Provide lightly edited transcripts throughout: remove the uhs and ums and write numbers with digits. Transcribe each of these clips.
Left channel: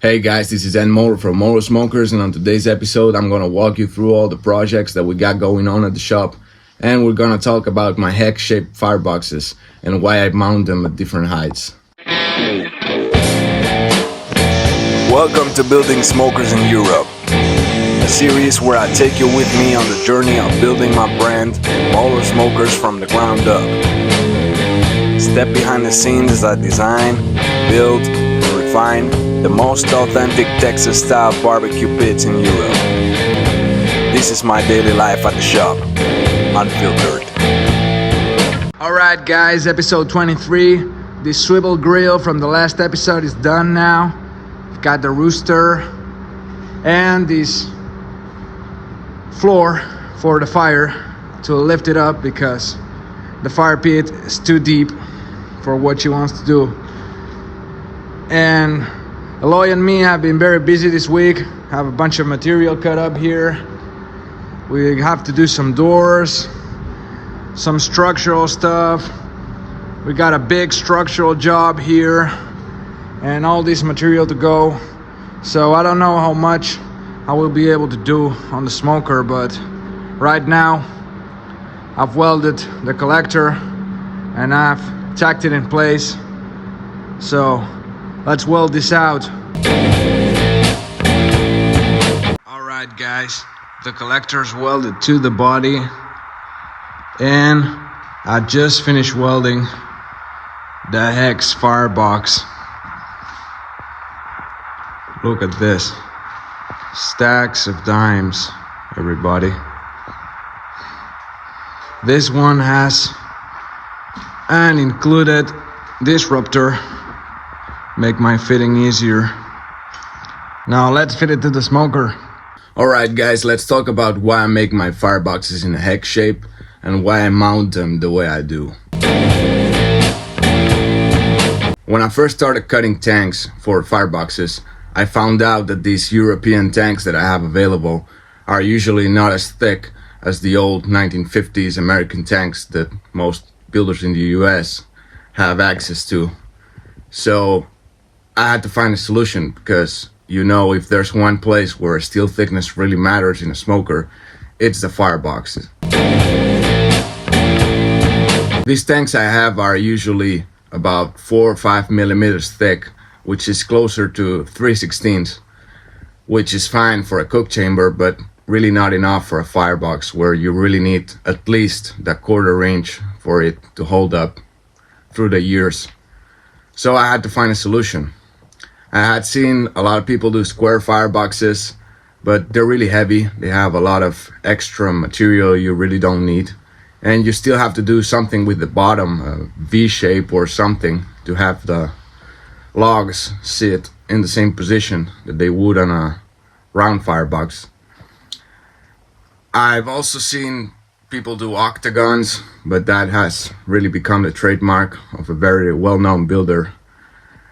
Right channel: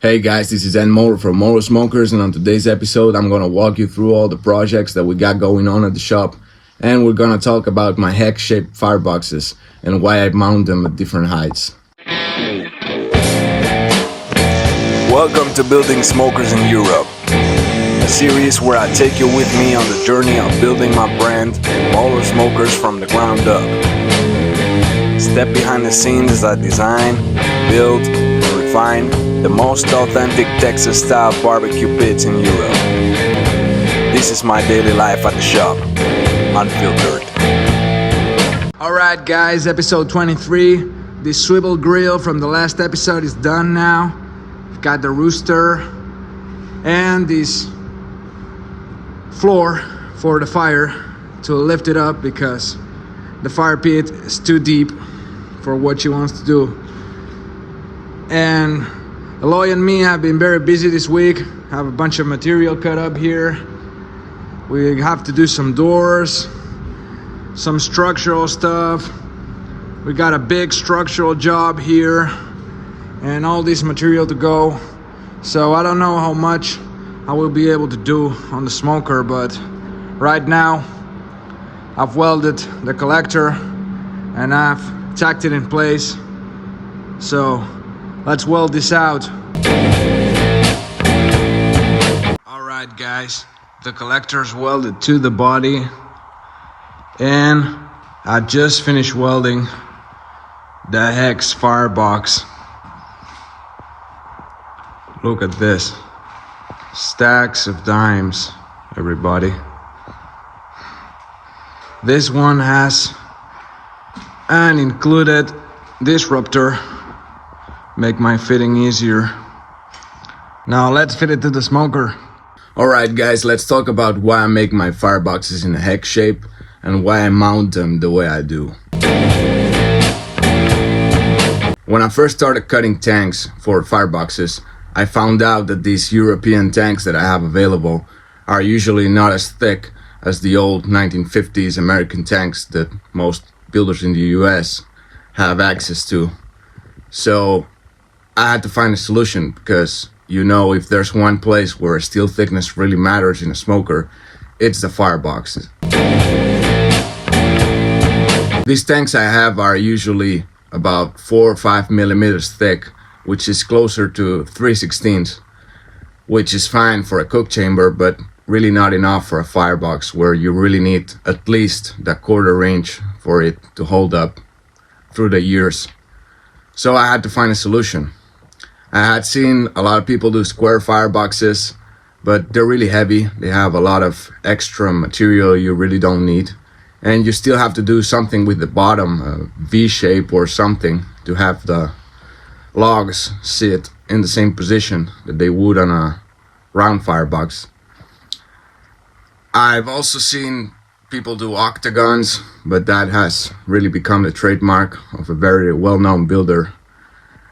Hey guys, this is Moller from Moller Smokers, and on today's episode I'm going to walk you through all the projects that we got going on at the shop, and we're going to talk about my hex-shaped fireboxes and why I mount them at different heights. Welcome to Building Smokers in Europe, a series where I take you with me on the journey of building my brand, Moller Smokers, from the ground up. Step behind the scenes as I design, build, and refine the most authentic Texas-style barbecue pits in Europe. This is my daily life at the shop, unfiltered. Alright guys, episode 23. This swivel grill from the last episode is done now. We've got the rooster and this floor for the fire to lift it up because the fire pit is too deep for what she wants to do. And Eloy and me have been very busy this week. Have a bunch of material cut up here. We have to do some doors, some structural stuff. We got a big structural job here and all this material to go. So I don't know how much I will be able to do on the smoker, but right now I've welded the collector and I've tacked it in place. So let's weld this out. Alright guys, the collector's welded to the body and I just finished welding the Hex Firebox. Look at this. Stacks of dimes, everybody. This one has an included disruptor. Make my fitting easier. Now let's fit it to the smoker. Alright guys, let's talk about why I make my fireboxes in a hex shape and why I mount them the way I do. When I first started cutting tanks for fireboxes, I found out that these European tanks that I have available are usually not as thick as the old 1950s American tanks that most builders in the US have access to. So I had to find a solution because, you know, if there's one place where steel thickness really matters in a smoker, it's the fireboxes. These tanks I have are usually about 4 or 5 millimeters thick, which is closer to 3/16, which is fine for a cook chamber, but really not enough for a firebox where you really need at least the 1/4 inch for it to hold up through the years. So I had to find a solution. I had seen a lot of people do square fireboxes, but they're really heavy. They have a lot of extra material you really don't need. And you still have to do something with the bottom, a V-shape or something, to have the logs sit in the same position that they would on a round firebox. I've also seen people do octagons, but that has really become the trademark of a very well-known builder.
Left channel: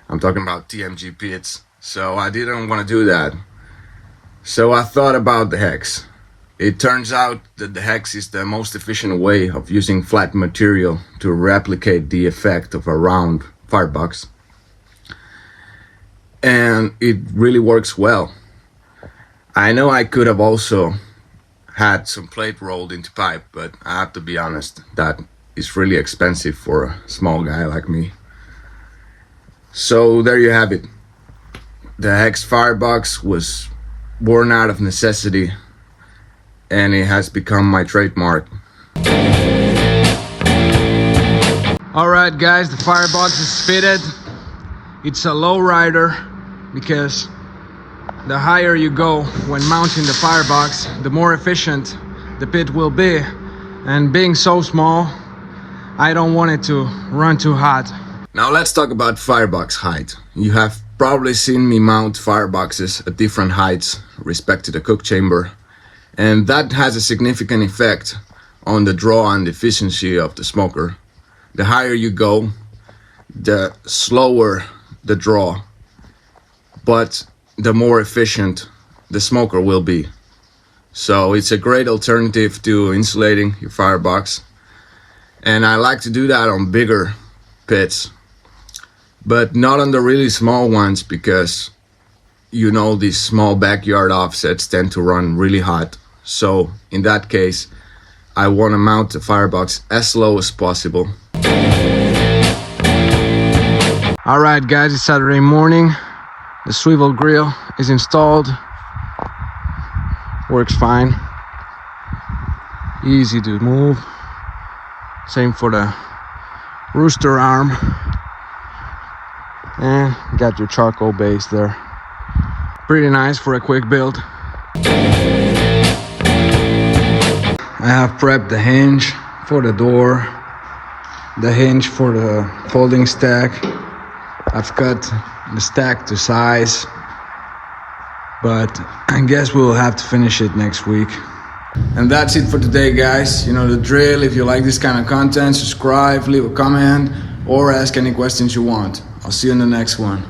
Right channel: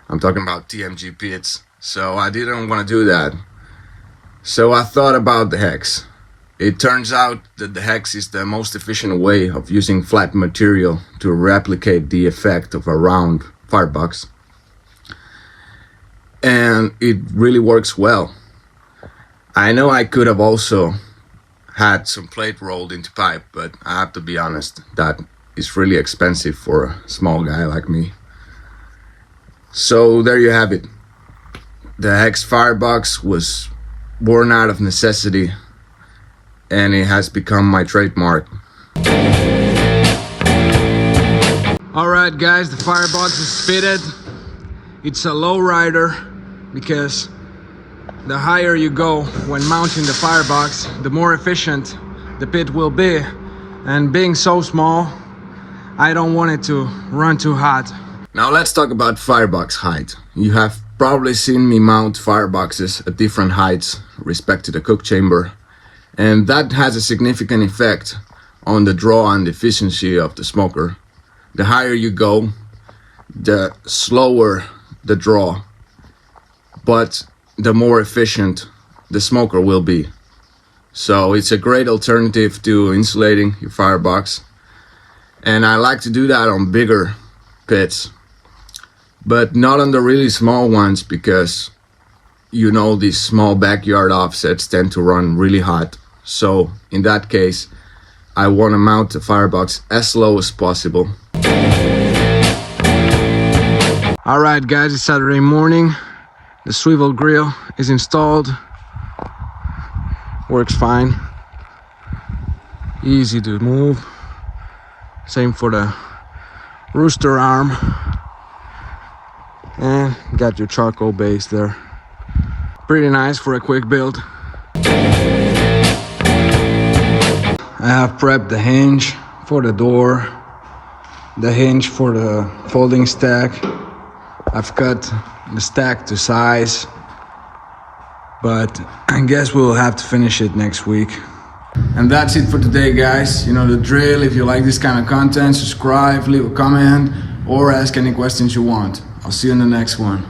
I'm talking about TMG pits. So I didn't want to do that. So I thought about the hex. It turns out that the hex is the most efficient way of using flat material to replicate the effect of a round firebox. And it really works well. I know I could have also had some plate rolled into pipe, but I have to be honest, that is really expensive for a small guy like me. So there you have it. The Hex Firebox was born out of necessity and it has become my trademark. Alright guys, the firebox is fitted. It's a low rider because the higher you go when mounting the firebox, the more efficient the pit will be. And being so small, I don't want it to run too hot. Now let's talk about firebox height. You have probably seen me mount fireboxes at different heights respect to the cook chamber, and that has a significant effect on the draw and efficiency of the smoker. The higher you go, the slower the draw, but the more efficient the smoker will be. So it's a great alternative to insulating your firebox, and I like to do that on bigger pits, but not on the really small ones, because you know, these small backyard offsets tend to run really hot. So in that case, I want to mount the firebox as low as possible. All right, guys, it's Saturday morning. The swivel grill is installed. Works fine. Easy to move. Same for the rooster arm. And got your charcoal base there. Pretty nice for a quick build. I have prepped the hinge for the door, the hinge for the folding stack. I've cut the stack to size, but I guess we'll have to finish it next week. And that's it for today, guys. You know the drill. If you like this kind of content, subscribe, leave a comment, or ask any questions you want. I'll see you in the next one.